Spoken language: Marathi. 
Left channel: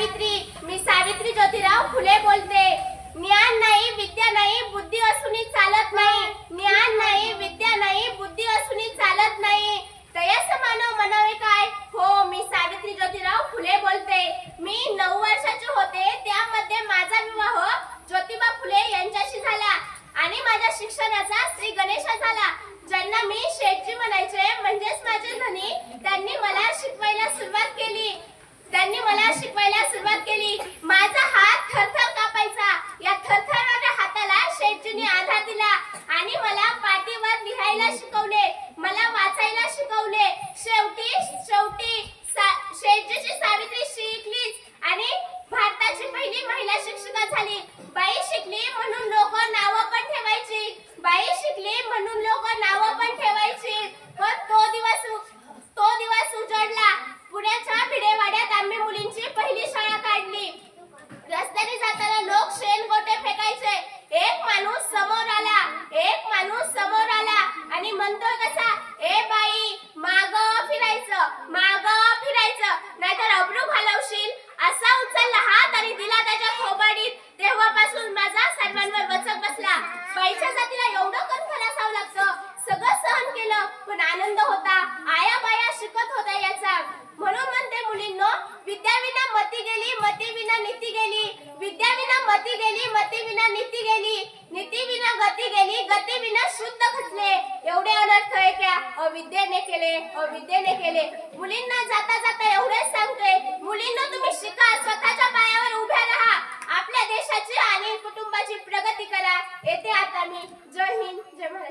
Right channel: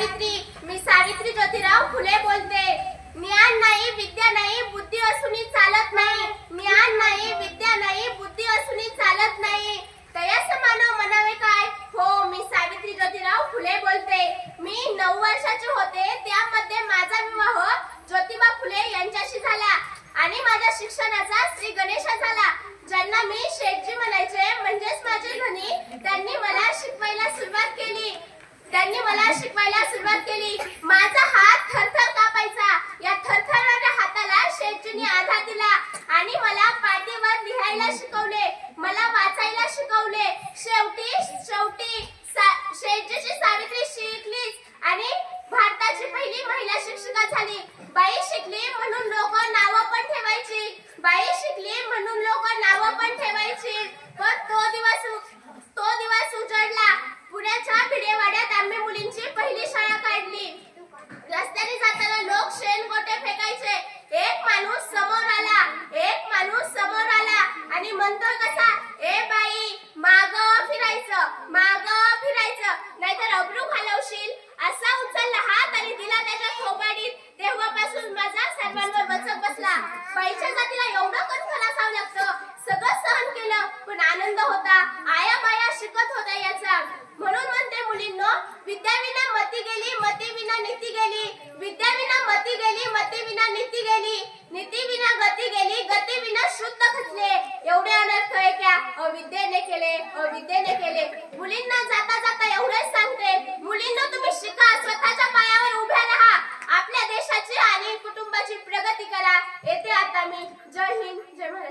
मी सावित्री ज्योतिराव फुले बोलते। ज्ञान नाही विद्या नाही बुद्धी असूनही चालत नाही। ज्ञान नाही विद्या नाही बुद्धी असूनही चालत नाही। तयास मानव म्हणावे काय। हो, मी सावित्री ज्योतिराव फुले बोलते। मी 9 वर्षाचे होते त्यामध्ये माझा विवाह ज्योतिबा फुले यांच्याशी झाला आणि माझ्या शिक्षणाचा श्री गणेशा झाला। ज्यांना मी शेठजी म्हणायचे म्हणजेच माझे धनी, त्यांनी मला शिकवायला सुरुवात केली। माझा हात थरथर कापायचा। या थरथरणाऱ्या हाताला शेठजींनी आधार दिला आणि मला पाटीवर लिहायला शिकवले, मला वाचायला शिकवले। शेवटी शेठजीची सावित्री शिकलीच आणि भारताची पहिली महिला शिक्षिका झाली। बाई शिकली म्हणून लोक नाव पण ठेवायची। पण तो दिवस उजडला। पुण्याच्या भिडेवाड्यात आम्ही मुलींची पहिली शाळा काढली। रस्त्याने जाताना लोक शेणगोटे फेकायचे। एक माणूस समोर आला आणि म्हणतोय कसा, ए बाई माग फिरायचं नाहीतर अब्रू घालवशील। असा उचलला हात आणि दिला त्याच्या थोबाडीत। तेव्हापासून माझा सर्वांवर वचक बसला। बाईच्या जातीला एवढं कणखर असावं लागतं। सगळं सहन केलं पण आनंद होता। आया बाया शिकत होत्या याचा। म्हणून म्हणते मुलींनो, विद्याविना मती गेली, मतीविना नीती गेली। विद्याविना मती गेली, मतीविना नीती गेली। नीतीविना गती गेली, गतीविना शुद्ध खचले। एवढे अनर्थ आहे क्या अविद्येने केले। मुलींना जाता जाता एवढेच सांगते, मुलींना तुम्ही शिका, स्वतःच्या पायावर उभ्या राहा, आपल्या देशाची आणि कुटुंबाची प्रगती करा। येते आता मी। जय हिंद, जय महाराष्ट्र।